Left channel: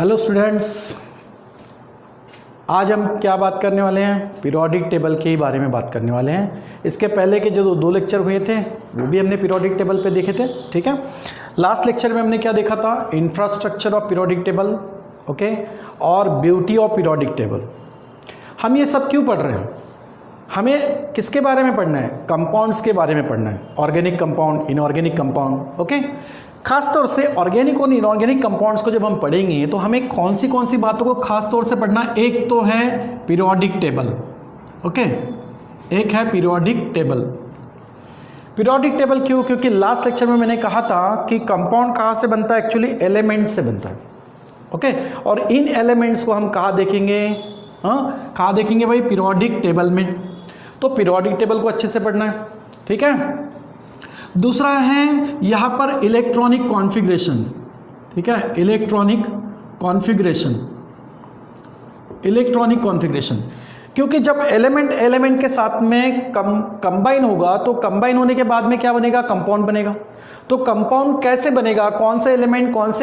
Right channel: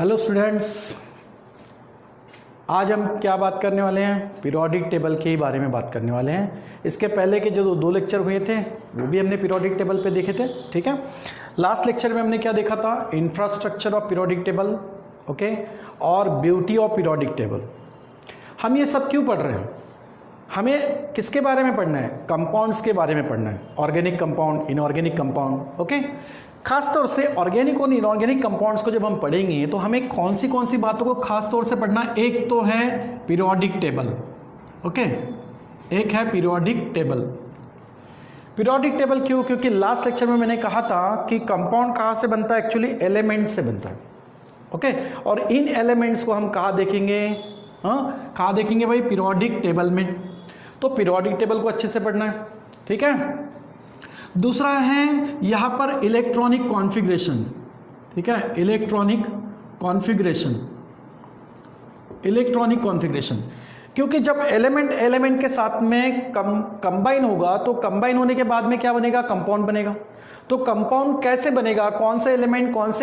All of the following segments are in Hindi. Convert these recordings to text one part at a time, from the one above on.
हेलो स्टूडेंट्स, आज हम क्या बात करने वाले हैं? पीरियोडिक टेबल के ही बारे में बात करने वाले हैं। इसके पहले के जो दो लेक्चर हुए थे वो भी हमने पीरियोडिक टेबल पे देखे थे, ठीक है। लास्ट लेक्चर में हमने क्या देखा था? Infrastructure of periodic table, okay, और ब्यूटी ऑफ पीरियोडिक टेबल। हम ये सब क्यों पढ़ रहे हैं? हमें किसके बारे में पढ़ना है? कंपाउंड्स के बारे में पढ़ना है, organic compound, inorganic compound, okay. खास तौर से ऑर्गेनिक और इनऑर्गेनिक कंपाउंड्स को जब हम पढ़ेंगे तो हमें कौन सी बातों को खास तौर से पढ़ना? एक तो है पीरियोडिक टेबल, ओके, एक है पीरियोडिक टेबल। पीरियोडिक टेबल क्यों? क्योंकि लास्ट लेक्चर में मैंने कहा था कि कंपाउंड कहाँ से बनता है? एक्चुअली एलिमेंट से बनता है, ओके। और इन एलिमेंट्स को हम कहाँ देखेंगे? कहाँ देखेंगे भाई? पीरियोडिक टेबल में। तो पीरियोडिक टेबल को अच्छे से पढ़ना है, ठीक है। दूसरा है यहाँ पर इलेक्ट्रॉनिक कॉन्फ़िगरेशन, ठीक है, इलेक्ट्रॉनिक कॉन्फ़िगरेशन। क्योंकि जब एलिमेंट के साथ में कंबाइन होगा तो कंबाइन होने के बाद में क्या बनेगा? कंपाउंड बनेगा। तो कंपाउंड कैसे बनेगा? कौन से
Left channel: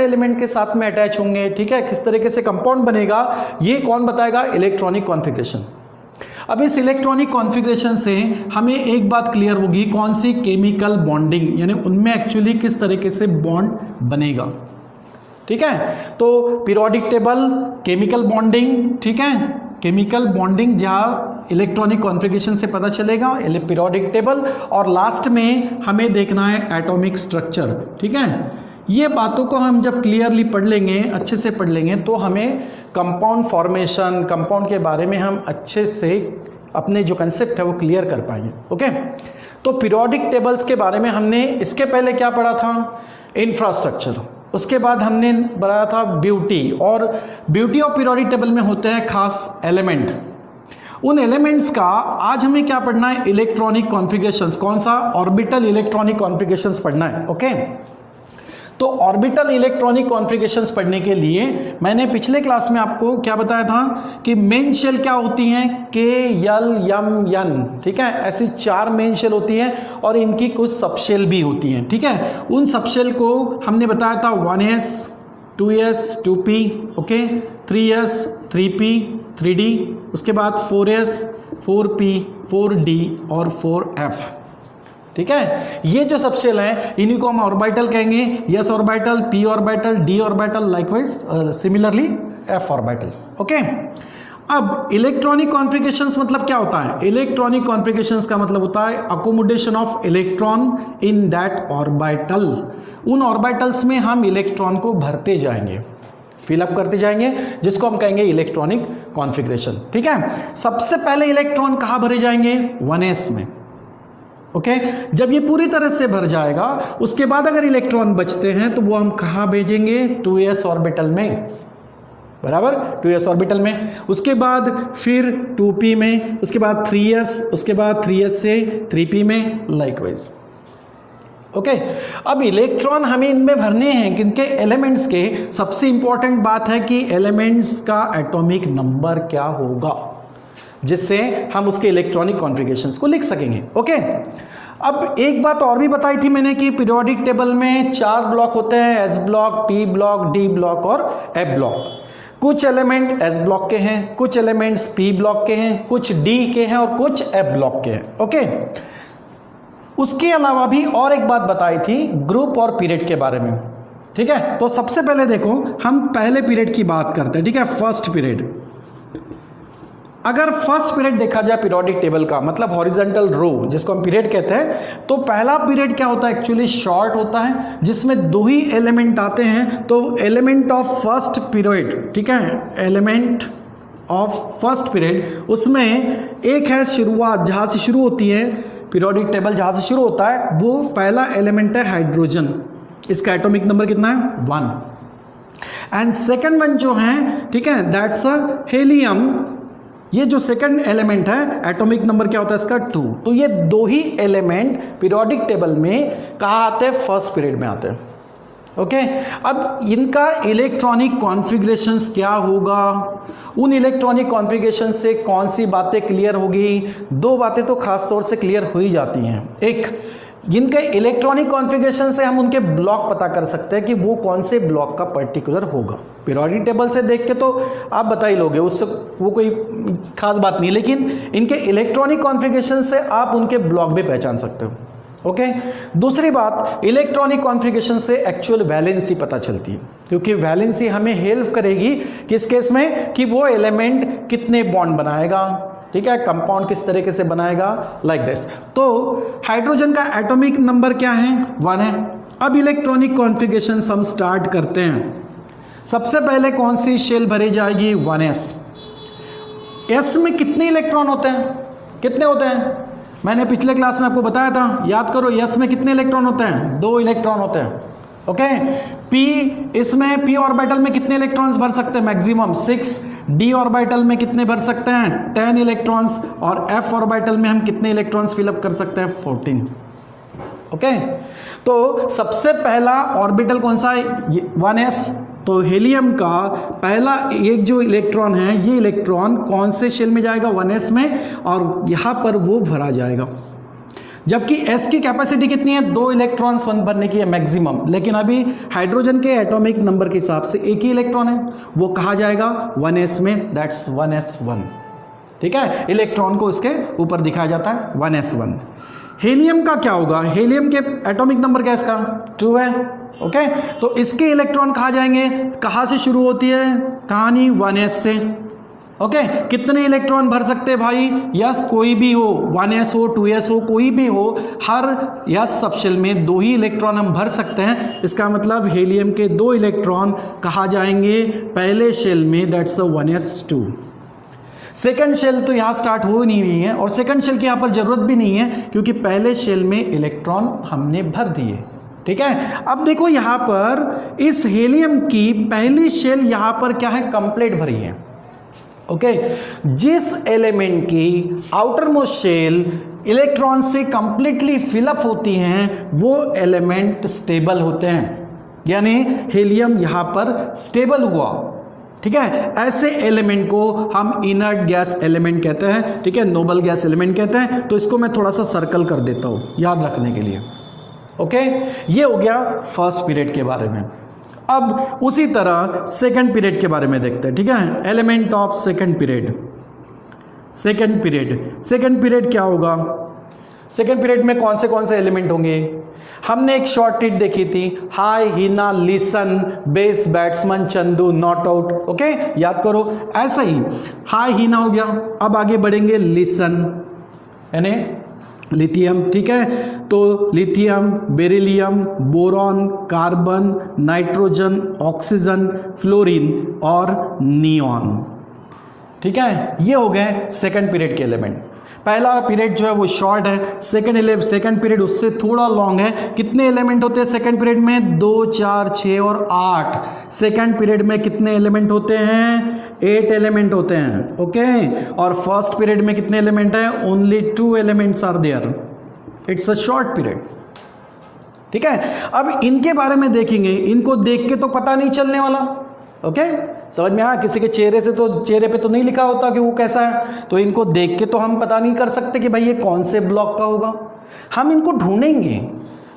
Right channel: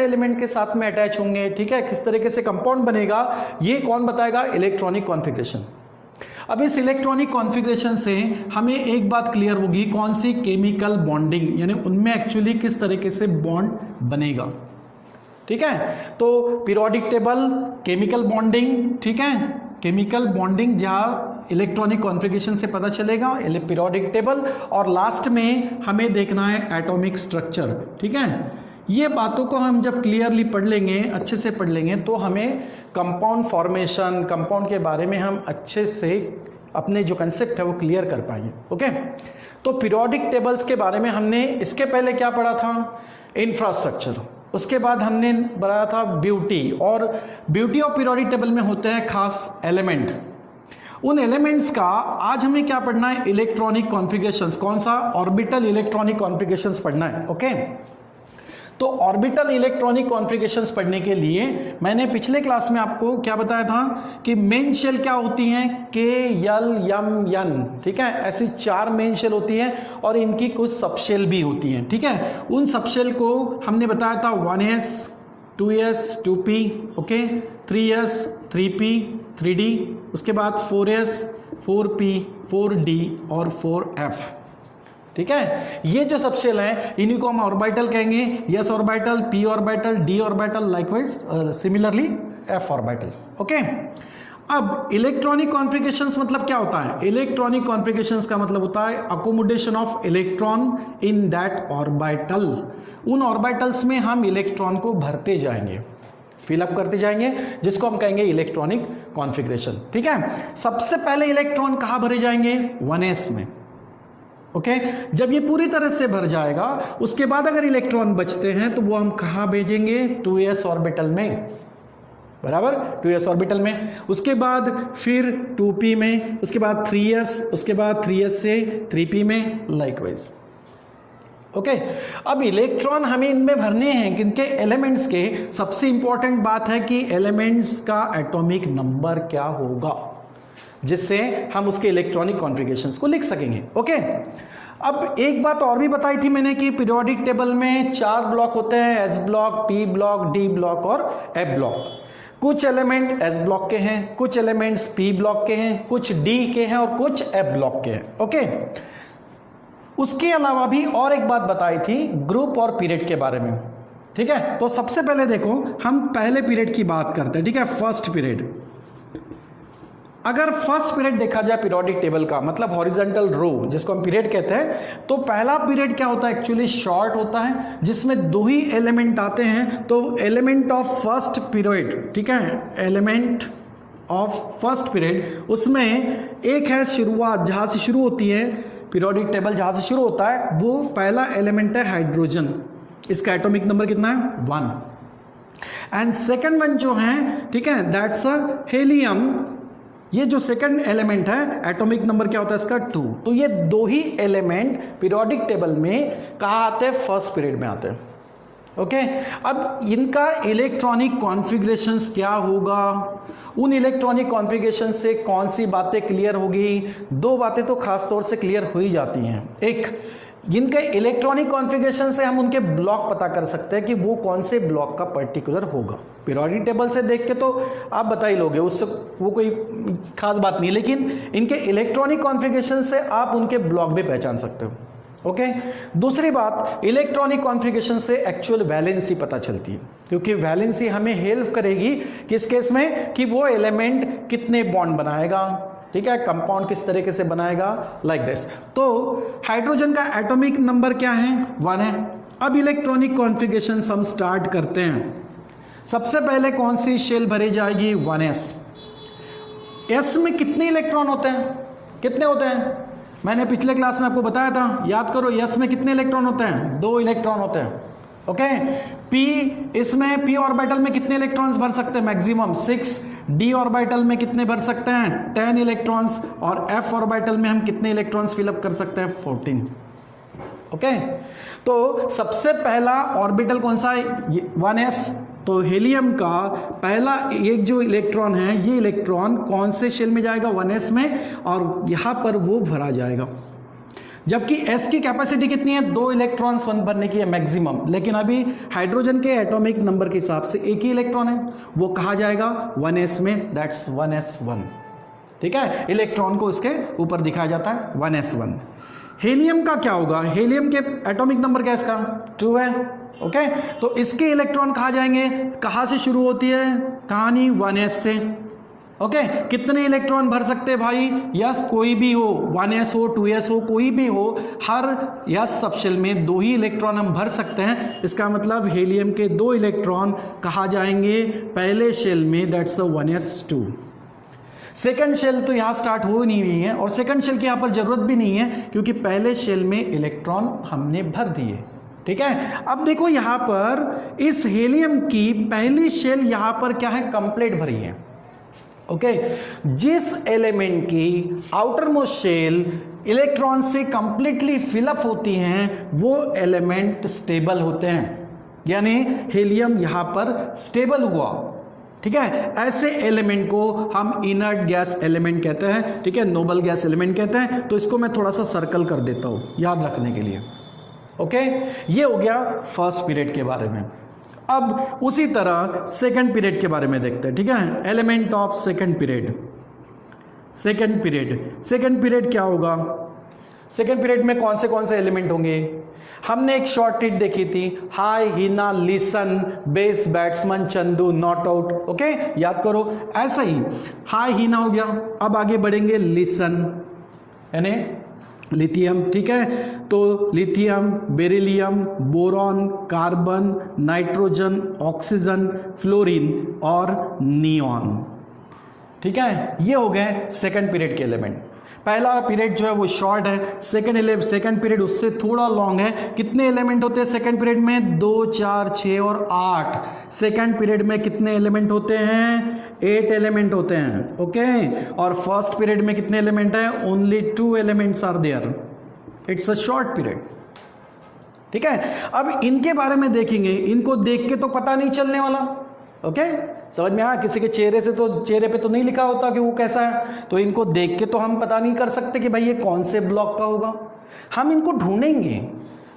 एलिमेंट के साथ में अटैच होंगे, ठीक है, किस तरीके से कंपाउंड बनेगा, ये कौन बताएगा? Electronic configuration. अब इस इलेक्ट्रॉनिक कॉन्फ़िगरेशन से हमें एक बात क्लियर होगी, कौन सी? केमिकल बॉन्डिंग, यानी उनमें एक्चुअली किस तरीके से बॉन्ड बनेगा, ठीक है। तो पीरियोडिक टेबल, केमिकल बॉन्डिंग, ठीक है, केमिकल बॉन्डिंग जहाँ इलेक्ट्रॉनिक कॉन्फ़िगरेशन से पता चलेगा, पीरियोडिक टेबल। और लास्ट में हमें देखना है एटॉमिक स्ट्रक्चर, ठीक है। ये बातों को हम जब क्लियरली पढ़ लेंगे, अच्छे से पढ़ लेंगे, तो हमें कंपाउंड फॉर्मेशन, कंपाउंड के बारे में हम अच्छे से अपने जो कंसेप्ट है वो क्लियर कर पाएंगे, ओके। तो पीरियोडिक टेबल्स के बारे में हमने इसके पहले क्या पढ़ा था? इंफ्रास्ट्रक्चर। उसके बाद हमने पढ़ा था ब्यूटी, और ब्यूटी ऑफ पीरियोडिक टेबल में होते हैं खास एलिमेंट। उन एलिमेंट्स का आज हमें क्या पढ़ना है? Electronic configurations. कौन सा? ऑर्बिटल इलेक्ट्रॉनिक कॉन्फ़िगरेशंस पढ़ना है, ओके। तो ऑर्बिटल इलेक्ट्रॉनिक कॉन्फ़िगरेशंस पढ़ने के लिए मैंने पिछले क्लास में आपको क्या बताया था कि मेन शेल क्या होती हैं? के, यल, यम, यन, ठीक है। ऐसी 4 मेन शेल होती हैं और इनकी कुछ सब शेल भी होती हैं, ठीक है। उन सब शेल को हमने बताया था 1s, 2s, 2p, okay, 3s, 3p, 3d, उसके बाद 4s, 4p, 4d और 4f, ठीक है। ये जो सब शेल हैं इन्हीं को हम ऑर्बिटल कहेंगे। s orbital, p orbital, d orbital, likewise similarly f orbital, okay. अब इलेक्ट्रॉनिक कॉन्फ़िगरेशंस मतलब क्या होता है? इलेक्ट्रॉनिक कॉन्फ़िगरेशंस का मतलब होता है accommodation of electron in that orbital. उन ऑर्बिटल्स में हम इलेक्ट्रॉन को भरते जाएंगे, फिलअप करते जाएंगे, जिसको हम कहेंगे इलेक्ट्रॉनिक कॉन्फ़िगरेशन, ठीक है। सबसे पहले इलेक्ट्रॉन कहाँ भरे जाएंगे? 1s में, ओके। जब ये पूरी तरह से भर जाएगा उसके बाद अगर इलेक्ट्रॉन बचते हैं तो वो हम कहाँ भेजेंगे? 2s ऑर्बिटल में, बराबर, 2s ऑर्बिटल में। उसके बाद फिर 2p में, उसके बाद 3s, उसके बाद 3s से 3p में, लाइकवाइज, ओके। अब इलेक्ट्रॉन हमें इनमें भरने हैं किनके? एलिमेंट्स के। सबसे इंपॉर्टेंट बात है कि एलिमेंट्स का एटॉमिक नंबर क्या होगा, जिससे हम उसके इलेक्ट्रॉनिक कॉन्फ़िगरेशंस को लिख सकेंगे, ओके। अब एक बात और भी बताई थी मैंने कि पीरियोडिक टेबल में 4 ब्लॉक होते हैं, s block, p block, d block और f ब्लॉक। कुछ एलिमेंट s ब्लॉक के हैं, कुछ एलिमेंट्स p ब्लॉक के हैं, कुछ d के हैं और कुछ f ब्लॉक के हैं, ओके। उसके अलावा भी और एक बात बताई थी ग्रुप और पीरियड के बारे में, ठीक है। तो सबसे पहले देखो, हम पहले पीरियड की बात करते हैं, ठीक है, फर्स्ट पीरियड। अगर फर्स्ट पीरियड देखा जाए पीरियोडिक टेबल का, मतलब हॉरिजॉन्टल रो जिसको हम पीरियड कहते हैं, तो पहला पीरियड क्या होता है? एक्चुअली शॉर्ट होता है, जिसमें 2 ही एलिमेंट आते हैं। तो एलिमेंट ऑफ फर्स्ट पीरियड, ठीक है, एलिमेंट ऑफ फर्स्ट पीरियड, उसमें एक है शुरुआत, जहाँ से शुरू होती है पीरियोडिक टेबल, जहाँ से शुरू होता है, वो पहला एलिमेंट है हाइड्रोजन। इसका एटॉमिक नंबर कितना है? 1। एंड सेकेंड वन जो है, ठीक है, दैट्स अ हेलियम। ये जो सेकंड एलिमेंट है, एटॉमिक नंबर क्या होता है इसका? 2। तो ये 2 ही एलिमेंट पीरियोडिक टेबल में कहाँ आते हैं? फर्स्ट पीरियड में आते हैं, ओके। अब इनका इलेक्ट्रॉनिक कॉन्फ़िगरेशंस क्या होगा? उन इलेक्ट्रॉनिक कॉन्फ़िगरेशन से कौन सी बातें क्लियर होगी? 2 बातें तो खास तौर से क्लियर हो ही जाती हैं। एक, जिनके इलेक्ट्रॉनिक कॉन्फ़िगरेशन से हम उनके ब्लॉक पता कर सकते हैं कि वो कौन से ब्लॉक का पर्टिकुलर होगा। पीरियोडिक टेबल से देख के तो आप बता ही लोगे, उससे वो कोई खास बात नहीं, लेकिन इनके इलेक्ट्रॉनिक कॉन्फ़िगरेशन से आप उनके ब्लॉक भी पहचान सकते हो। ओके, दूसरी बात, इलेक्ट्रॉनिक कॉन्फ़िगरेशन से एक्चुअल वैलेंसी पता चलती है, क्योंकि वैलेंसी हमें हेल्प करेगी किस केस में, कि वो एलिमेंट कितने बॉन्ड बनाएगा, ठीक है, कंपाउंड किस तरीके से बनाएगा, लाइक दिस। तो हाइड्रोजन का एटॉमिक नंबर क्या है, 1 है। अब इलेक्ट्रॉनिक कॉन्फ़िगरेशन हम स्टार्ट करते हैं। सबसे पहले कौन सी शेल भरी जाएगी, 1s। s में कितने इलेक्ट्रॉन होते हैं, कितने होते हैं, मैंने पिछले क्लास में आपको बताया था, याद करो। s में कितने इलेक्ट्रॉन होते हैं, 2 इलेक्ट्रॉन होते हैं। ओके, p, इसमें p ऑर्बिटल में कितने इलेक्ट्रॉन्स भर सकते हैं, मैक्सिमम 6। d ऑर्बिटल में कितने भर सकते हैं, 10 इलेक्ट्रॉन्स। और f ऑर्बिटल में हम कितने इलेक्ट्रॉन्स फिलअप कर सकते हैं, 14। ओके, तो सबसे पहला ऑर्बिटल कौन सा है, 1s। तो हेलियम का पहला एक जो इलेक्ट्रॉन है, ये इलेक्ट्रॉन कौन से शेल में जाएगा, 1s में, और यहाँ पर वो भरा जाएगा। जबकि s की कैपेसिटी कितनी है, 2 इलेक्ट्रॉन्स भरने की है मैक्सिमम, लेकिन अभी हाइड्रोजन के एटॉमिक नंबर के हिसाब से एक ही इलेक्ट्रॉन है, वो कहा जाएगा 1s में, दैट्स 1s1। ठीक है, इलेक्ट्रॉन को इसके ऊपर दिखाया जाता है 1s1। हेलियम का क्या होगा, हेलियम के एटॉमिक नंबर क्या है इसका, 2 है। ओके, तो इसके इलेक्ट्रॉन कहाँ जाएंगे, कहाँ से शुरू होती है कहानी, 1s से। ओके, कितने इलेक्ट्रॉन भर सकते हैं भाई, यस कोई भी हो, 1s हो 2s हो कोई भी हो, हर यस सब शेल में 2 ही इलेक्ट्रॉन हम भर सकते हैं। इसका मतलब हेलियम के 2 इलेक्ट्रॉन कहाँ जाएंगे, पहले शेल में, दैट्स 1s2। सेकंड शेल तो यहाँ स्टार्ट हो नहीं रही है, और सेकंड शेल की यहाँ पर जरूरत भी नहीं है, क्योंकि पहले शेल में इलेक्ट्रॉन हमने भर दिए। ठीक है, अब देखो यहाँ पर इस हेलियम की पहली शेल यहाँ पर क्या है, कंप्लीट भरी है। ओके, जिस एलिमेंट की आउटर मोस्ट शेल इलेक्ट्रॉन से कंप्लीटली फिलअप होती हैं, वो एलिमेंट स्टेबल होते हैं, यानी हेलियम यहाँ पर स्टेबल हुआ। ठीक है, ऐसे एलिमेंट को हम इनर्ट गैस एलिमेंट कहते हैं। ठीक है, नोबल गैस एलिमेंट कहते हैं। तो इसको मैं थोड़ा सा सर्कल कर देता हूँ याद रखने के लिए। ओके, ये हो गया फर्स्ट पीरियड के बारे में। अब उसी तरह सेकंड पीरियड के बारे में देखते हैं। ठीक है, element of second period. Second period क्या होगा, सेकंड पीरियड में कौन से एलिमेंट होंगे। हमने एक शॉर्ट ट्रीट देखी थी, high, Hina, listen, base, batsman, Chandu, not out. Okay, याद करो, ऐसा ही हाई हिना हो गया। अब आगे बढ़ेंगे, लिसन यानी लिथियम। ठीक है, तो lithium, beryllium, boron, carbon, nitrogen, oxygen, fluorine और नियॉन। ठीक है, ये हो गए सेकंड पीरियड के एलिमेंट। पहला पीरियड जो है वो शॉर्ट है, सेकंड पीरियड उससे थोड़ा लॉन्ग है। कितने एलिमेंट होते हैं सेकंड पीरियड में, 2, 4, 6 और 8। सेकंड पीरियड में कितने एलिमेंट होते हैं, 8 एलिमेंट होते हैं। ओके, और फर्स्ट पीरियड में कितने एलिमेंट हैं, only 2 elements are there. It's a short period. ठीक है, अब इनके बारे में देखेंगे, इनको देख के तो पता नहीं चलने वाला। ओके, समझ में आया, किसी के चेहरे पे तो नहीं लिखा होता कि वो कैसा है, तो इनको देख के तो हम पता नहीं कर सकते कि भाई ये कौन से ब्लॉक का होगा। हम इनको ढूंढेंगे,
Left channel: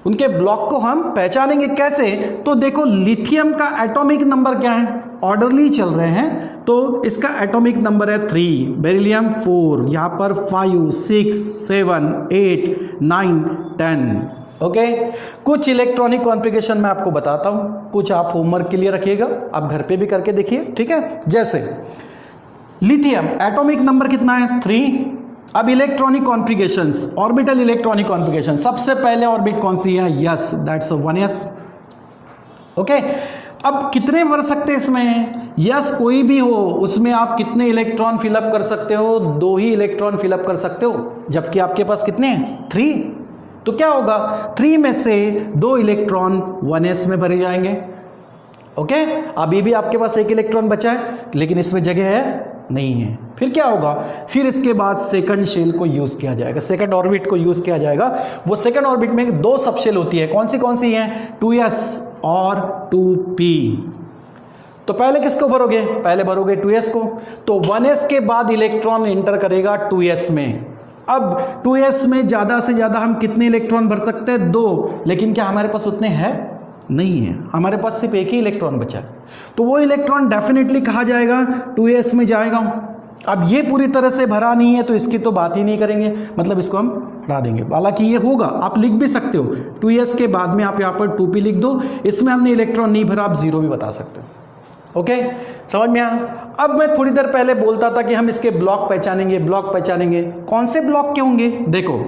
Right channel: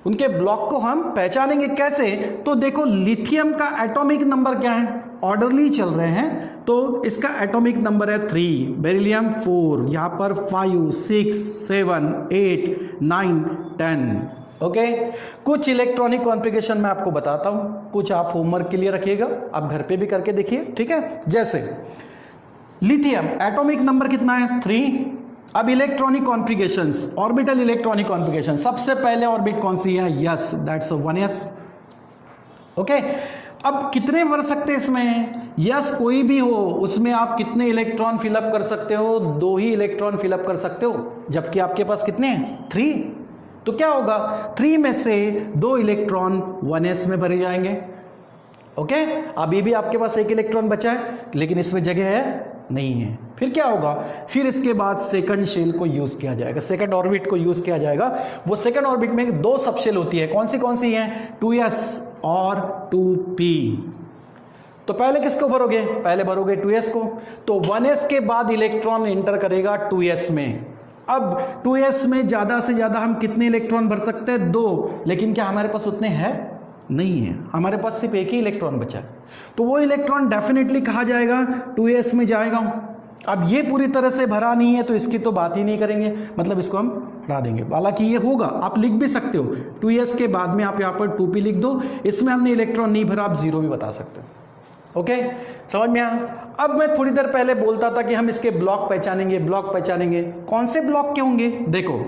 उनके ब्लॉक को हम पहचानेंगे। कैसे, तो देखो लिथियम का एटॉमिक नंबर क्या है, ऑर्डरली चल रहे हैं, तो इसका एटॉमिक नंबर है 3, बेरिलियम 4, यहाँ पर 5, 6, 7, 8, 9, 10। ओके, कुछ इलेक्ट्रॉनिक कॉन्फ़िगरेशन मैं आपको बताता हूं, कुछ आप होमवर्क के लिए रखिएगा, आप घर पे भी करके देखिए। ठीक है, जैसे लिथियम एटॉमिक नंबर कितना है, 3। अब electronic configurations, orbital electronic configuration, सबसे पहले ऑर्बिट कौन सी है, यस, दैट्स 1s। ओके, अब कितने भर सकते हैं इसमें, यस कोई भी हो, उसमें आप कितने इलेक्ट्रॉन फिलअप कर सकते हो, 2 ही इलेक्ट्रॉन फिलअप कर सकते हो, जबकि आपके पास कितने हैं, 3। तो क्या होगा, 3 में से 2 इलेक्ट्रॉन 1s में भरे जाएंगे। ओके, अभी भी आपके पास 1 इलेक्ट्रॉन बचा है, लेकिन इसमें जगह है नहीं है। फिर क्या होगा, फिर इसके बाद सेकंड शेल को यूज किया जाएगा, सेकंड ऑर्बिट को यूज किया जाएगा। वो सेकंड ऑर्बिट में 2 सब शेल होती है, कौन सी हैं, 2s और 2p। तो पहले किसको भरोगे, पहले भरोगे 2s को। तो 1s के बाद इलेक्ट्रॉन एंटर करेगा 2s में, अब 2s में ज़्यादा से ज़्यादा हम कितने इलेक्ट्रॉन भर सकते हैं? 2, लेकिन क्या हमारे पास उतने हैं? नहीं है, हमारे पास सिर्फ एक ही इलेक्ट्रॉन बचा है, तो वो इलेक्ट्रॉन डेफिनेटली कहाँ जाएगा? 2s में जाएगा। अब ये पूरी तरह से भरा नहीं है तो इसकी तो बात ही नहीं करेंगे, मतलब इसको हम हटा देंगे। हालांकि ये होगा, आप लिख भी सकते हो 2s के बाद में आप यहाँ पर 2p लिख दो, इसमें हमने इलेक्ट्रॉन नहीं भरा, आप 0 भी बता सकते हो। ओके, समझ में आया? अब मैं थोड़ी देर पहले बोलता था कि हम इसके ब्लॉक पहचानेंगे, ब्लॉक पहचानेंगे। कौन से ब्लॉक के होंगे? देखो,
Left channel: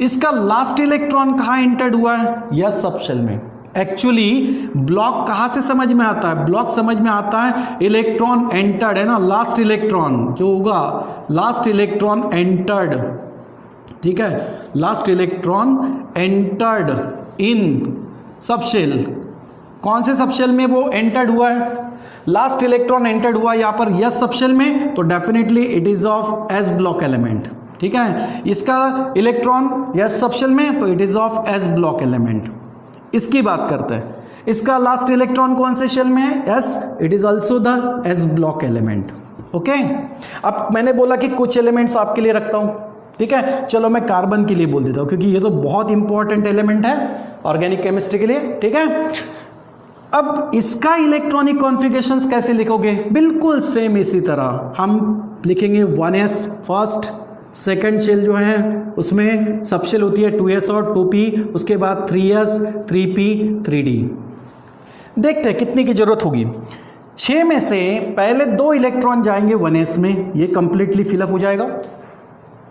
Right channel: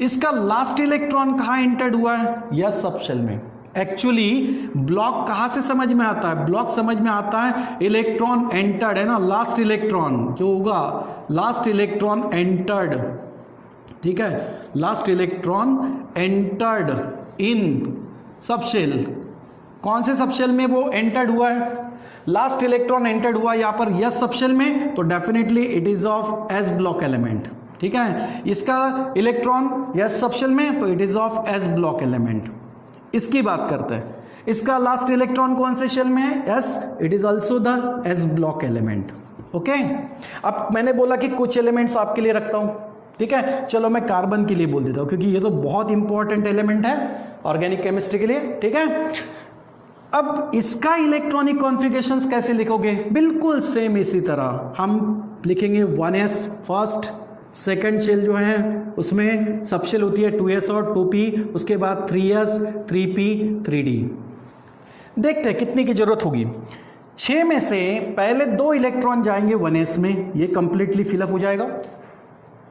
इसका लास्ट इलेक्ट्रॉन कहाँ एंटर्ड हुआ है? यस सबशेल में। एक्चुअली ब्लॉक कहाँ से समझ में आता है? ब्लॉक समझ में आता है इलेक्ट्रॉन एंटर्ड, है ना, लास्ट इलेक्ट्रॉन जो होगा, लास्ट इलेक्ट्रॉन एंटर्ड, ठीक है, last electron entered in subshell. कौन से सबशेल में वो एंटर्ड हुआ है? लास्ट इलेक्ट्रॉन एंटर्ड हुआ यहाँ पर यस सबशेल में, तो definitely it is of S block element, ठीक है। इसका इलेक्ट्रॉन यस सबशेल में, तो it is of S block element. इसकी बात करते हैं, इसका लास्ट इलेक्ट्रॉन कौन से शेल में है? S, it is also the S block element. Okay, अब मैंने बोला कि कुछ एलिमेंट्स आपके लिए रखता हूं, ठीक है। चलो मैं कार्बन के लिए बोल देता हूं, क्योंकि ये तो बहुत इंपॉर्टेंट एलिमेंट है ऑर्गेनिक केमिस्ट्री के लिए, ठीक है। अब इसका इलेक्ट्रॉनिक कॉन्फ़िगरेशंस कैसे लिखोगे? बिल्कुल सेम इसी तरह हम लिखेंगे 1s फर्स्ट, सेकेंड शेल जो है उसमें सबशेल होती है 2s और 2p, उसके बाद 3s, 3p, 3d। देखते हैं कितनी की जरूरत होगी। 6 में से पहले 2 इलेक्ट्रॉन जाएंगे 1s में, ये कंप्लीटली फिलअप हो जाएगा।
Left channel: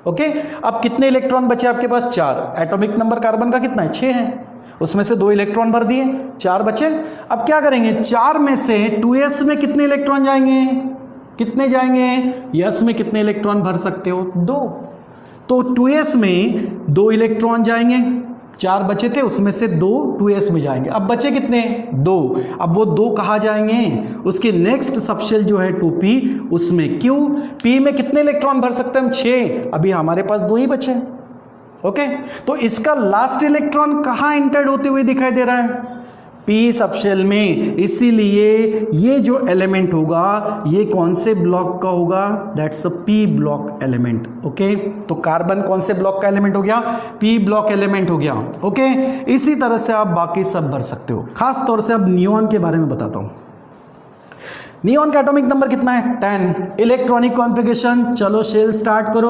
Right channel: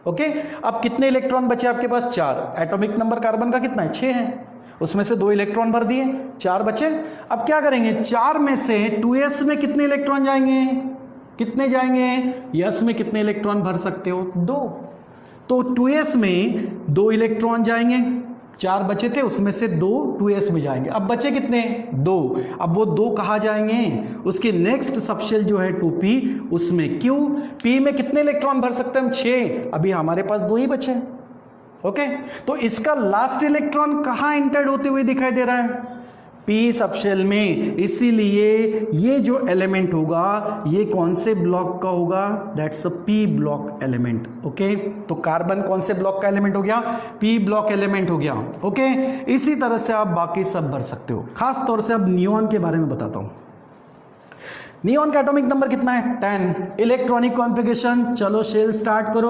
ओके, अब कितने इलेक्ट्रॉन बचे आपके पास? 4। एटॉमिक नंबर कार्बन का कितना है? 6 है, उसमें से 2 इलेक्ट्रॉन भर दिए, 4 बचे। अब क्या करेंगे? 4 में से 2s में कितने इलेक्ट्रॉन जाएंगे? कितने जाएंगे? यस में कितने इलेक्ट्रॉन भर सकते हो? 2। तो 2s में 2 इलेक्ट्रॉन जाएंगे, 4 बचे थे, उसमें से 2 2s में जाएंगे। अब बचे कितने? 2। अब वो 2 कहाँ जाएंगे? उसके नेक्स्ट सबशेल जो है 2p, उसमें। क्यों? p में कितने इलेक्ट्रॉन भर सकते हैं हम? 6। अभी हमारे पास 2 ही बचे। ओके, तो इसका लास्ट इलेक्ट्रॉन कहाँ एंटर्ड होते हुए दिखाई दे रहा है? p सबशेल में। इसीलिए ये जो एलिमेंट होगा ये कौन से ब्लॉक का होगा? That's a p block element. Okay, तो कार्बन कौन से ब्लॉक का एलिमेंट हो गया? p ब्लॉक एलिमेंट हो गया। ओके, इसी तरह से आप बाकी सब भर सकते हो। खास तौर से अब नियॉन के बारे में बताता हूं। नियॉन का एटॉमिक नंबर कितना है? 10। इलेक्ट्रॉनिक कॉन्फ़िगरेशन, चलो शेल स्टार्ट करो।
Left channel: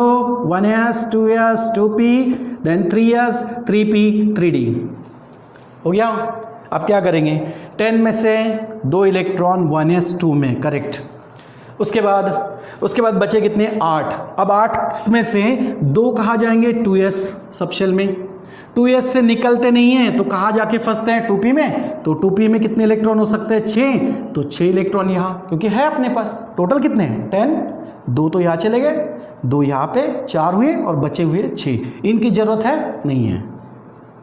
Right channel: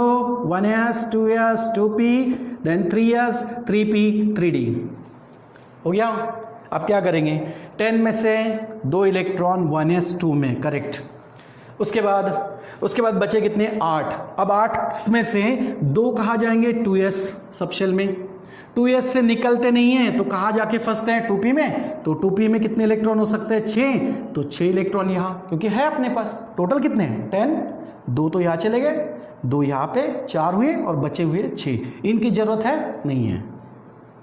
1s, 2s, 2p, then 3s, 3p, 3d। हो गया? अब क्या करेंगे? 10 में से 2 इलेक्ट्रॉन 1s 2 में, करेक्ट। उसके बाद बचे कितने? 8। अब 8 में से 2 कहाँ जाएंगे? 2s सबशेल में। 2s से निकलते नहीं हैं तो कहाँ जाके फंसते हैं? 2p में। तो 2p में कितने इलेक्ट्रॉन हो सकते हैं? 6। तो 6 इलेक्ट्रॉन यहाँ, क्योंकि है अपने पास। टोटल कितने हैं? 10। 2 तो यहाँ चले गए, 2 यहाँ पे, 4 हुए और बचे हुए 6। इनकी जरूरत है? नहीं है,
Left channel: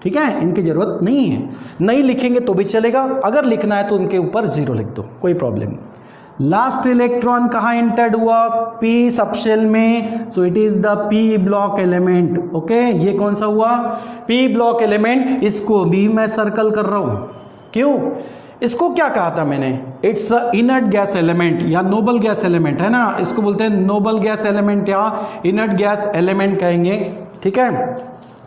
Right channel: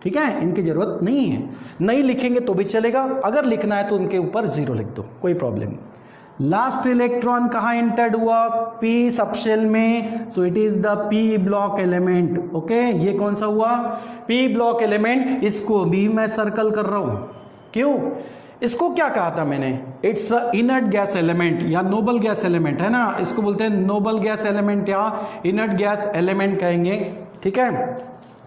ठीक है, इनकी जरूरत नहीं है। नहीं लिखेंगे तो भी चलेगा, अगर लिखना है तो उनके ऊपर 0 लिख दो, कोई प्रॉब्लम। लास्ट इलेक्ट्रॉन कहाँ एंटर्ड हुआ? p सबशेल में, so it is the p block element. Okay, ये कौन सा हुआ? p block element. इसको भी मैं सर्कल कर रहा हूं। क्यों? इसको क्या कहा था मैंने? It's a inert gas element या नोबल गैस एलिमेंट, है ना। इसको बोलते हैं नोबल गैस एलिमेंट या इनर्ट गैस एलिमेंट कहेंगे, ठीक है।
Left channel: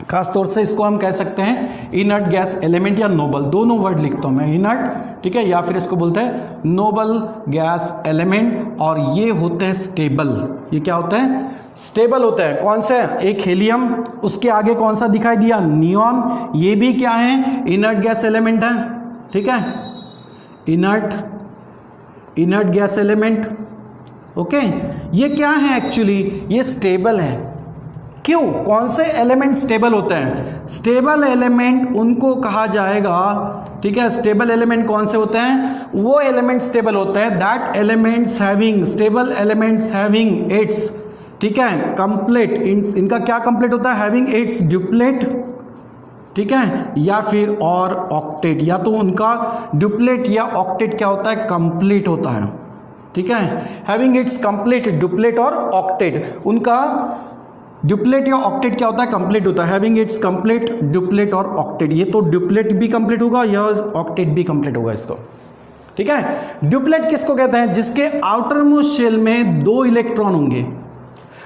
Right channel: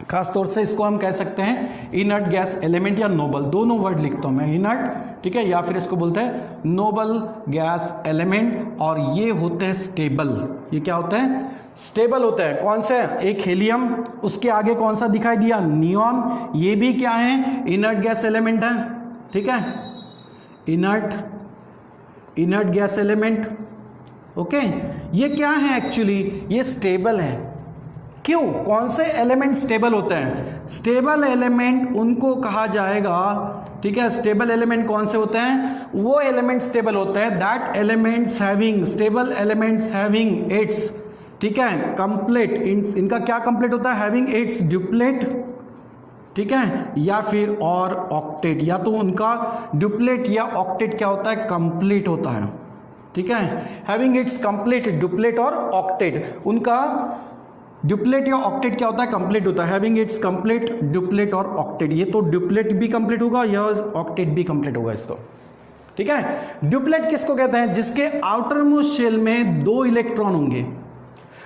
खास तौर से इसको हम कह सकते हैं इनर्ट गैस एलिमेंट या नोबल, दोनों वर्ड लिखता हूं मैं, इनर्ट, ठीक है, या फिर इसको बोलते हैं नोबल गैस एलिमेंट। और ये होते हैं स्टेबल। ये क्या होता है? स्टेबल होता है। कौन सा? एक हीलियम, उसके आगे कौन सा दिखाई दिया? नियॉन। ये भी क्या है? इनर्ट गैस एलिमेंट है, ठीक है, इनर्ट गैस एलिमेंट। ओके, ये क्या है? एक्चुअली ये स्टेबल है। क्यों? कौन से एलिमेंट स्टेबल होते हैं? स्टेबल एलिमेंट उनको कहा जाएगा, ठीक है। स्टेबल एलिमेंट कौन से होते हैं? वो एलिमेंट स्टेबल होते हैं that elements having, stable elements having its, ठीक है, कंप्लीट। इनका क्या कंप्लीट होता है? हैविंग इट्स ड्यूप्लेट, ठीक है, या फिर और ऑक्टेट। या तो उनका ड्यूप्लेट या ऑक्टेट क्या होता है? कंप्लीट होता है, ठीक है। हैविंग इट्स कंप्लीट, ड्यूप्लेट और ऑक्टेट। उनका ड्यूप्लेट या ऑक्टेट क्या होता है? कंप्लीट होता है। हैविंग इट्स कंप्लीट, ड्यूप्लेट और ऑक्टेट। ये तो ड्यूप्लेट भी कंप्लीट होगा या ऑक्टेट भी कंप्लीट होगा इसको, ठीक है। ड्यूप्लेट किसको कहते हैं? जिसके आउटर मोस्ट शेल में 2 इलेक्ट्रॉन होंगे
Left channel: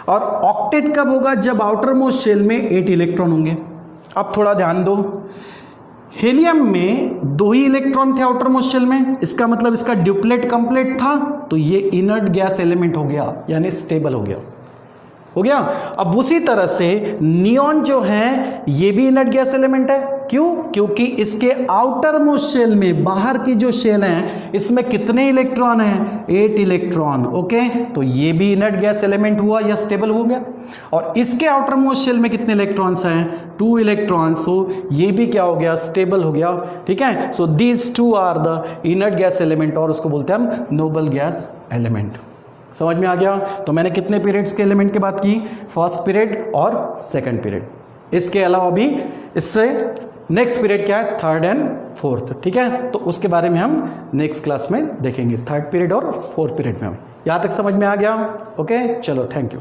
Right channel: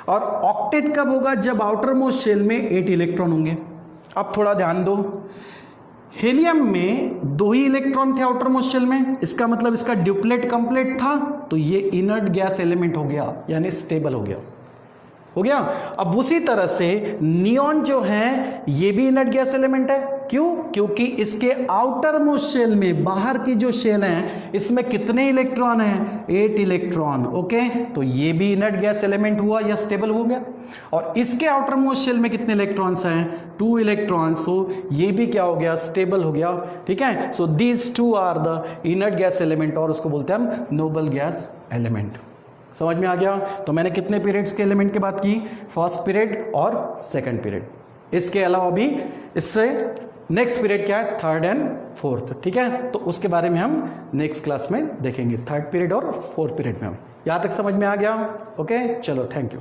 और ऑक्टेट कब होगा? जब आउटर मोस्ट शेल में 8 इलेक्ट्रॉन होंगे। अब थोड़ा ध्यान दो, हीलियम में 2 ही इलेक्ट्रॉन थे आउटर मोस्ट शेल में, इसका मतलब इसका ड्यूप्लेट कंप्लीट था, तो ये इनर्ट गैस एलिमेंट हो गया, यानी स्टेबल हो गया। अब उसी तरह से नियॉन जो है ये भी इनर्ट गैस एलिमेंट है। क्यों? क्योंकि इसके आउटर मोस्ट शेल में, बाहर की जो शेल है, इसमें कितने इलेक्ट्रॉन हैं? 8 इलेक्ट्रॉन। ओके, तो ये भी इनर्ट गैस एलिमेंट हुआ या स्टेबल हो गया। और इसके आउटर मोस्ट शेल में कितने इलेक्ट्रॉन्स हैं? 2 इलेक्ट्रॉन्स। सो ये भी क्या हो गया? स्टेबल हो गया। ठीक है, so these 2 are the inert gas element, और उसको बोलते हैं हम नोबल गैस एलिमेंट। समझ में आ गया? तो मैंने कितने पीरियड्स के एलिमेंट की बात की? फर्स्ट पीरियड और सेकंड पीरियड। इसके अलावा भी इससे नेक्स्ट पीरियड क्या है? Third and fourth. ठीक है, तो उसके बारे में हम नेक्स्ट क्लास में देखेंगे, थर्ड पीरियड और फोर्थ पीरियड में। यहां तक समझ में आ गया? ओके, चलो, थैंक यू।